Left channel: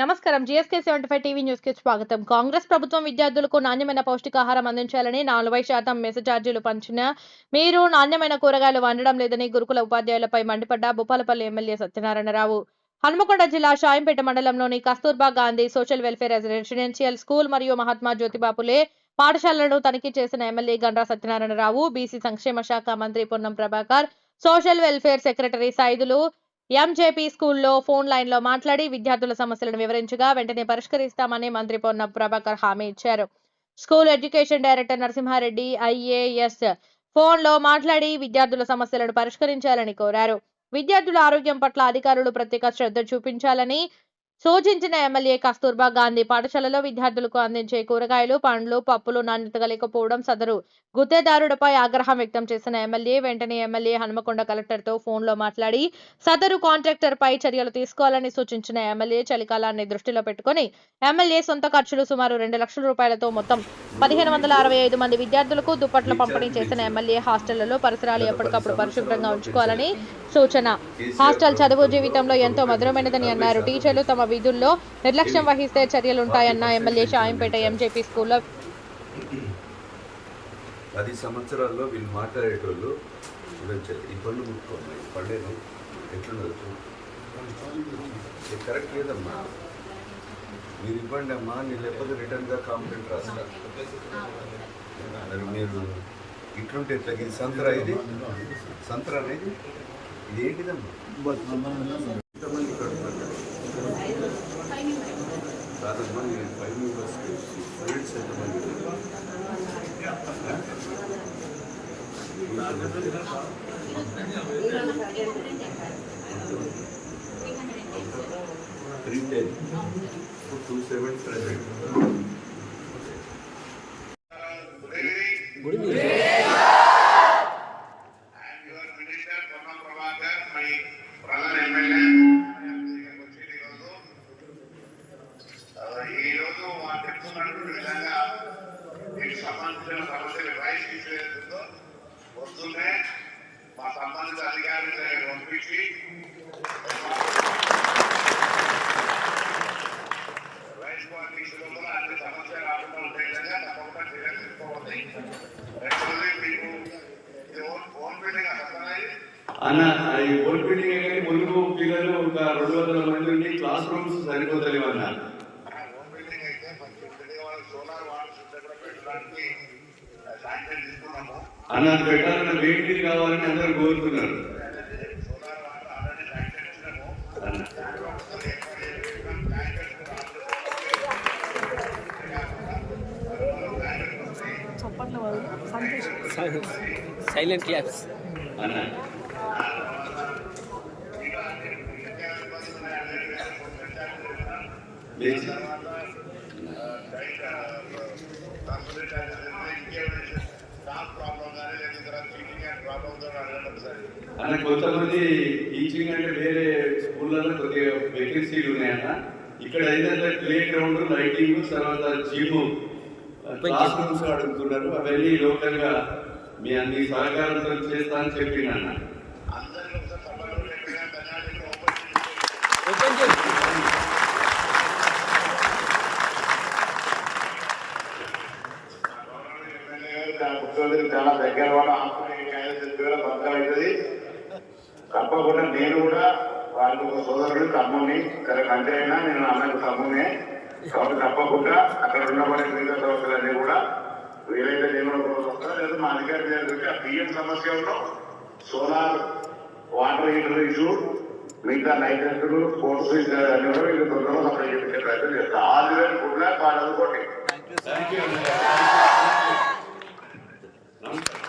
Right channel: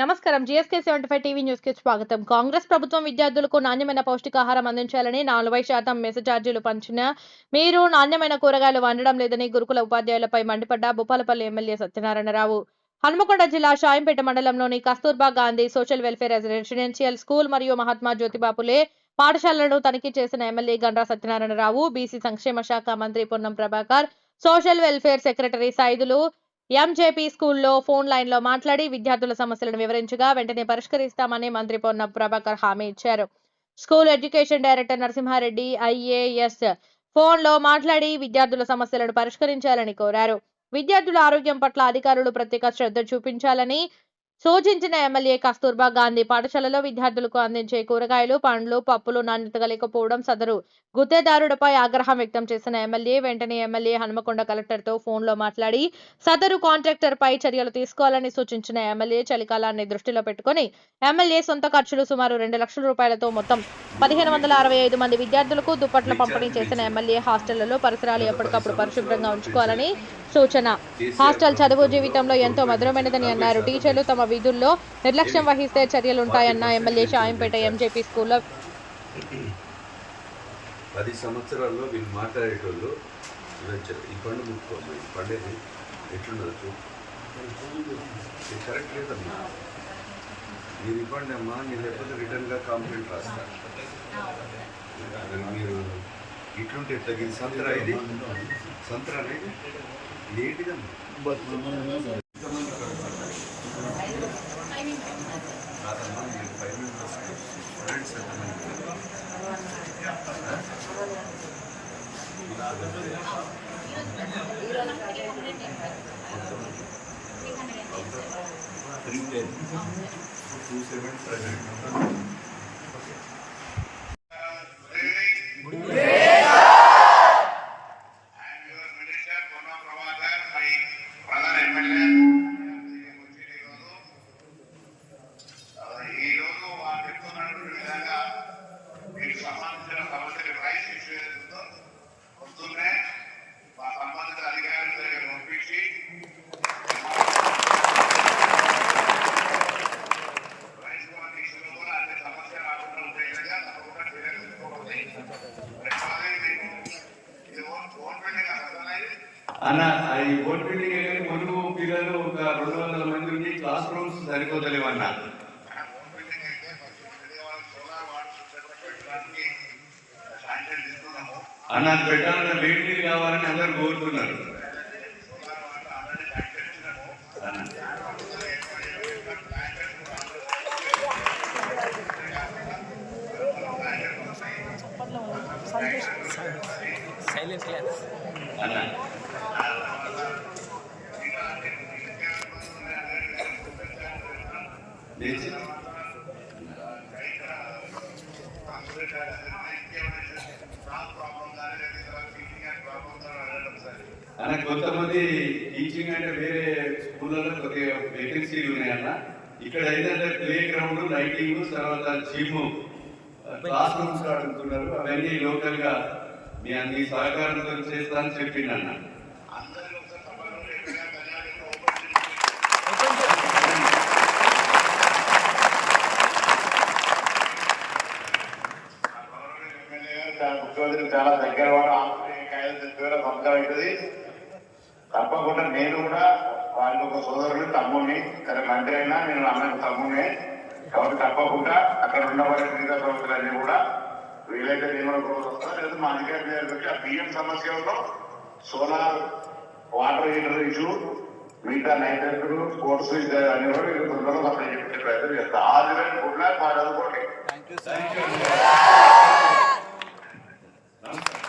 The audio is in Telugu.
నమస్కారం. జీఎస్కే 75 టీవీ న్యూస్ కి స్వాగతం. కాంగ్రెస్ ప్రభుత్వం విద్యార్థులకు నాణ్యమైన పౌష్టికాహారం అందించాలని 40% మెస్ ఛార్జీలు పంచిన మీరు నాణ్యమైన కూరగాయలు వండడం లేదని గురుకుల ఉపాధ్యాయులపై మండిపడ్డ భూపాలపల్లి ఎమ్మెల్యే సత్యనారాయణరావు. హన్మకొండ జిల్లా షాయంపేట మండలంలోని Kasturba Gandhi social welfare residential school మరియు మహాత్మా జ్యోతిబా ఫులే పాఠశాలలను తనిఖీ చేసిన ఎమ్మెల్యే గండ్ర సత్యనారాయణరావు, బీసీ సంక్షేమ శాఖ మంత్రి Ponnam Prabhakar, social welfare secretary Saidulu MJP స్కూల్లో ఫోన్ లైన్ లో మాట్లాడి విద్యార్థుల సమస్యలను వివరించగా వెంటనే పరిష్కరిస్తామని మంత్రి పొన్నం ప్రభాకర్ హామీ ఇచ్చారు. School education director Narasimha Reddy IAS phone లో మాట్లాడి విద్యార్థుల సమస్యలను పరిష్కరించాలని కోరారు. విద్యార్థుల ఆరోగ్యం పట్ల అధికారులు ప్రత్యేక శ్రద్ధ చూపించాలని సూచించిన ఎమ్మెల్యే కస్తూర్బా గాంధీ పాఠశాలలో విద్యార్థులకు అందించే కూరగాయలు, పండ్లు, పప్పులు నాణ్యతగా లేకపోవడం సదరు గుత్తేదారుడిపై ఆగ్రహం వ్యక్తం చేసిన ఎమ్మెల్యే వెంటనే ఎమ్మెల్యే హన్మకొండ కలెక్టర్తో ఫోన్లో మాట్లాడి సదరు కాంట్రాక్టర్పై చర్యలు తీసుకోవాలని సూచించిన ఎమ్మెల్యే చలికాలాన్ని దృష్టిలో పెట్టుకుని ఎమ్మెల్యే సొంత ఖర్చులు సుమారు 2 లక్షల రూపాయలతో మొత్తం 1565 మంది విద్యార్థులకు దుప్పట్ల పంపిణీ చేసిన ఎమ్మెల్యే హాస్టళ్లలో పరిసరాలు ఎప్పటికప్పుడు పరిశుభ్రంగా ఉంచుకోవాలని సూచన. హాస్టల్ చదువు జీవితంలో ఎంతో మధురమైనదని అన్నారు. టీచర్లు తమ విధుల్లో నిర్లక్ష్యం వహిస్తే చర్యలుంటాయన్న ఎమ్మెల్యే షాయంపేట ఎంజేపీ స్కూల్లో 10 సంవత్సరాల్లో వీళ్ళు మాట్లాడేటోళ్ళు ఈ పండు ముట్టుకోండి, ఈ పండేది ఎట్లుండొచ్చు కరెక్ట్ లేదమ్మా. మీరు ఇవ్వండి అమ్మా, నేను చెప్పదు రిటర్న్గా కాంప్లైంట్ రాస్తారు. మీరు ఇట్లుంటే తగిన సంతరా, ఇది సంతరా అనేది ఇది ఏంటిదమ్మా? ఇంతమంది కడుతున్నారు కాదమ్మా, 5 మెంబర్స్ స్టూడెంట్స్ ఎంతమంది ఉన్నారు? 310 270 సంబంధించిన సమస్యలు రైస్ ఇష్యూ ఏదైతుందో వస్తుందే మా సంబంధిత అధికారుల దగ్గర పంపించి రైస్ క్వాలిటీ ఇష్యూలో కూడా అన్ని సమస్య రాకుండా ఉండే విధంగా తప్పకుండా చర్యలు తీసుకోబడతాయి. రెండవది మీకు ఇది ఓన్ బిల్డింగ్ అసలు అన్న, ఈ ఓన్ బిల్డింగ్ కానీ ములుగు పిల్లలు ఒక 200 మంది ఉండి క్లాస్ రూమ్స్ సరిపోతలేవన్నా. ఓన్ బిల్డింగ్ అయితే సోలార్ వాటర్ పెట్టడానికి శాంక్షన్ తీసుకున్నాము అన్న. పెట్టాలన్న వేడి కావాలని అందరూ కోరుతున్నారు. సోలార్ వాటర్ ఆల్రెడీ శాంక్షన్ ఇచ్చినాము అన్న. సైలెంట్ క్లాప్స్ అన్న. అన్న, కొంతమంది టీచింగ్ అంటే వేరే స్కూళ్ళలో కొద్దిగా వేకెన్సీలు ఉన్నాయన్న. ఇక్కడ ఏంటంటే ప్లే గ్రౌండ్, లైటింగ్, తర్వాత జిమ్, క్లాస్ రూమ్స్ అడుగుతున్నారు. అవన్నీ లోకల్ గా మీ అన్ని సహకారంతో చేస్తా అని చెప్పిందన్న. ముఖ్యమంత్రి చాలా దగ్గర కూడా సంవత్సరం అవుతుంది. తప్పకుండా నేను కూడా వారికి ఒక సోదరుడు, తమ్ముడిని, సరే మంత్రి అయినా నేను అన్నకు తమ్మునే కాబట్టి తప్పకుండా అక్కడ ఉండబడే మిగతా సమస్యలన్నీ కూడా వీలైతే నేను కూడా వస్తా. లేదా మా అధికారి దగ్గర పెట్టి ఆ బియ్యం సమస్యలో సోలార్ వాటర్ హీటర్ ఇష్యూ, మిగతా నైట్రెస్టులు, స్పోర్ట్స్ అన్ని కూడా వీళ్ళు తొందరలో సప్లై చేయించే ప్రయత్నం చేస్తా. All the way, good luck, బాగా చదువుకోండి. నమస్కారం.